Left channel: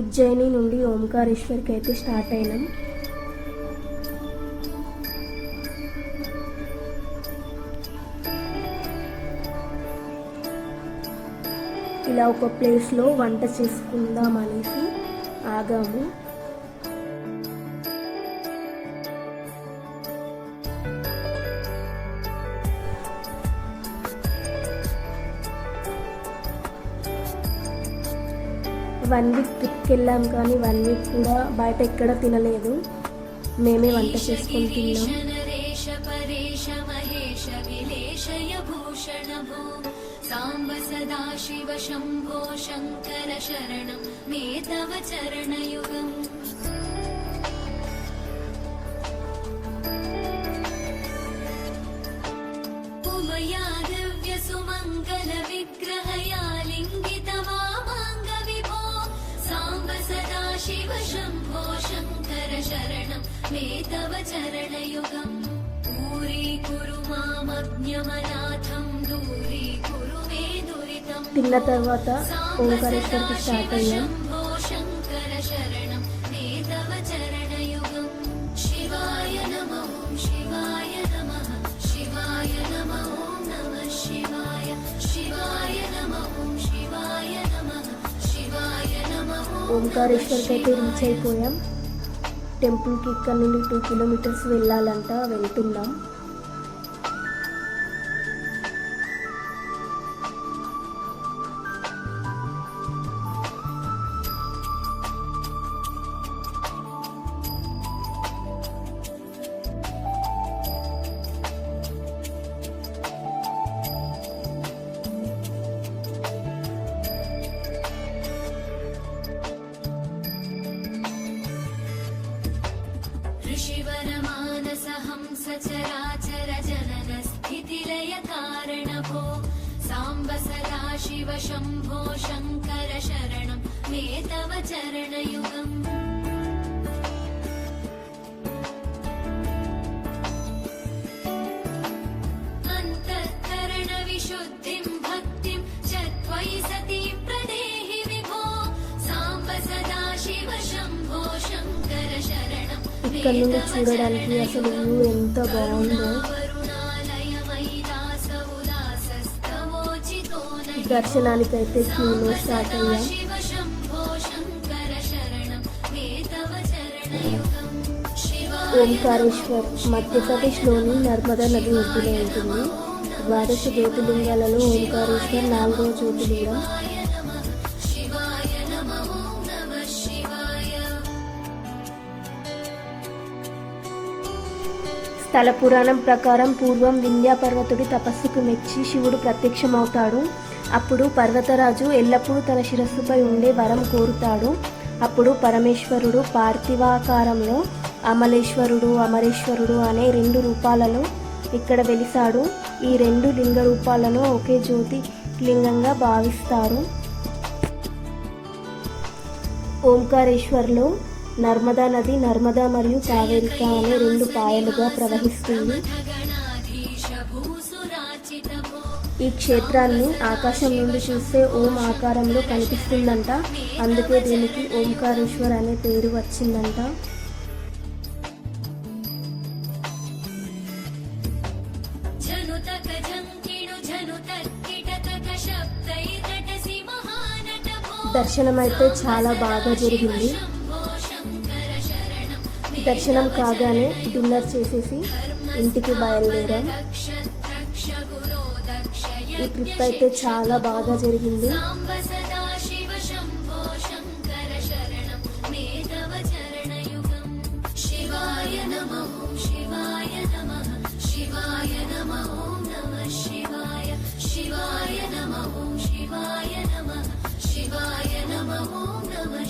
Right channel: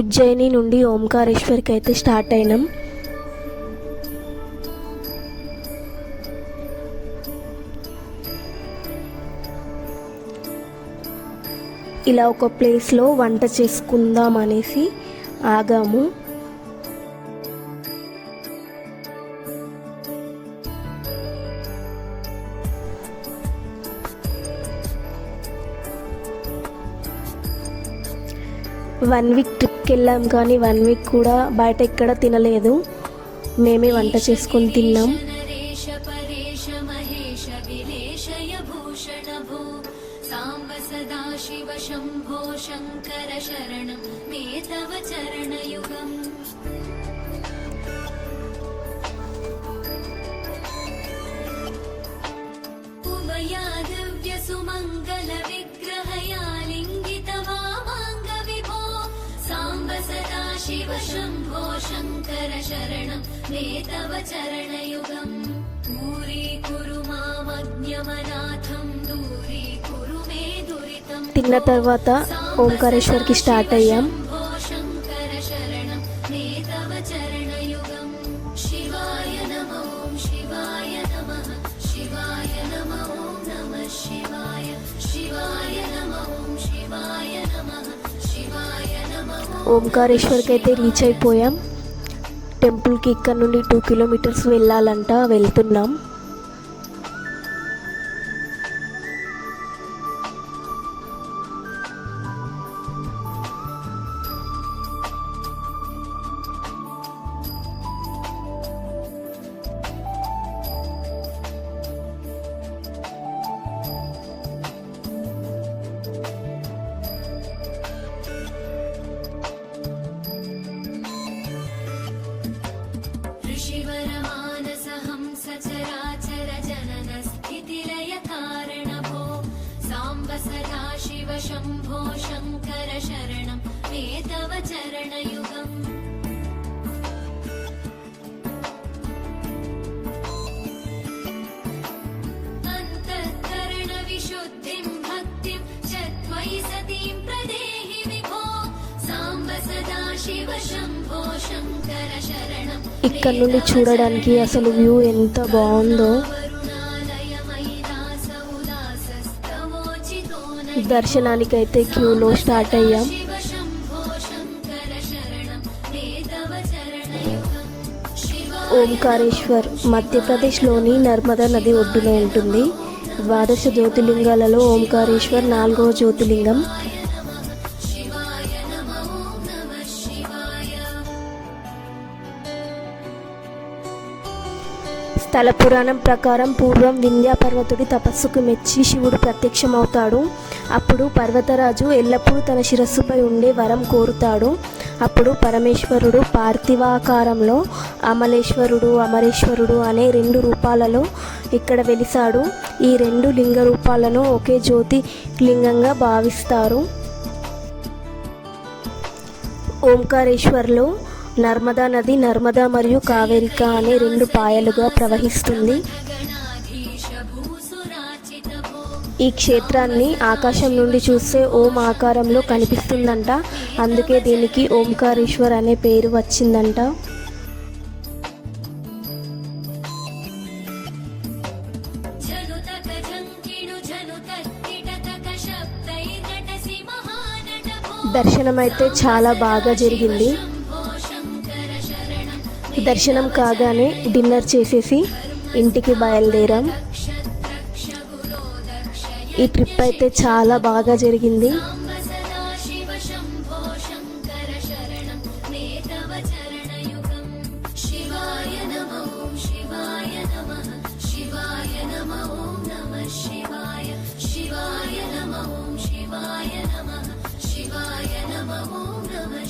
ఉజ్జయిని నుండి ఓంకారేశ్వర్కి అయితే స్టార్ట్ అయినాం. ఇలా ఒక ప్లేస్లో వంట చేసుకుందాం అనేసి ఆగాము. వన్ వీక్ ట్రిప్కి వెళ్ళాం, కానీ 1 వీక్ కూడా బయట ఎక్కడ తినలేదు. మేమే వంట చేసుకొని తిన్నాం. సాంబ సదా శివ శంభో శంకర శరణం మే తవ చరణయుగం. ఉమయా దివ్య సుమంగళ విగ్రహయా లింగిత వామాంగ విభో సాంబ సదా శివ శంభో శంకర శరణం మే తవ చరణయుగం. పూరీ కురు మామజ్ఞమనాథం దూరీ కురు మే దురితం. తిన్న తర్వాత ఓంకారేశ్వర్కి స్టార్ట్ అయ్యాం. శంకర శరణం మే తవ చరణయుగం. శివాయ నమో శివాయ నమః శివాయ నమో నమః శివాయ శివాయ నమో శివాయ నమః శివాయ నమః. ఓంకారేశ్వర్కి అయితే రీచ్ అయిపోయాం. టెంపుల్కి ఇక్కడ నుండి 2 కిలోమీటర్స్ వెళ్ళాలంట, వెళ్తున్నాం. ऋषिवरमानसहंस चराचर जनन स्थितिलय कारणभो साम्ब सदा शिव शंभो शंकर शरणं मे तव चरणयुगम्. अन्तःकरण विशुद्धिं भक्तिं च त्वयि सतीं प्रदेहि विभो साम्ब सदा शिव शंभो शंकर शरणं. ఇక్కడ నుండి చూడడానికి అసలు వ్యూ ఎంత బాగుందో. దర్శనానికైతే క్యూలో స్టార్ట్ అయ్యాం. ఓంకారేశ్వర్ మధ్యప్రదేశ్లోని నర్మదా నది ఒడ్డున ఉంటుంది. 12 జ్యోతిర్లింగాలలో ఓంకారేశ్వర్ 4వ జ్యోతిర్లింగం. స్థల పురాణం ప్రకారం పూర్వం వింధ్య పర్వతుడి తపస్సుకు మెచ్చి శివుడు ప్రత్యక్షమవుతాడు. అప్పుడు పర్వతరాజు ఎల్లప్పుడూ తన శిరస్సుపై ఉండే వరం కోరుతాడు. అప్పుడు పరమేశ్వరుడు పార్థివాకారంలో అమలేశ్వరుడు, అమరేశ్వరుడు అనే 2 రూపాలలో ఇక్కడ వెలిసాడు. ఈ 2 లింగ రూపాలను ఒకే జ్యోతిర్లింగంగా భావిస్తారు. ఓంకారేశ్వర్లో నర్మదా నది నర్మదా మరియు కావేరిక అనే 2 పాయలుగా ప్రవహిస్తుంది. ఈ క్షేత్రాన్ని ఆకాశం నుండి చూస్తే ఓం ఆకారంలో కనిపిస్తుందంట. అందుకే దీనికి ఓంకారేశ్వర్ అనే పేరు వచ్చిందంట. దర్శనం అయితే చాలా బాగా జరిగింది. దర్శనం కాగానే డిన్నర్ చేసేసి ఇంటికి బయలుదేరాం. ఈ ట్రిప్ అయితే చాలా బాగా జరిగింది.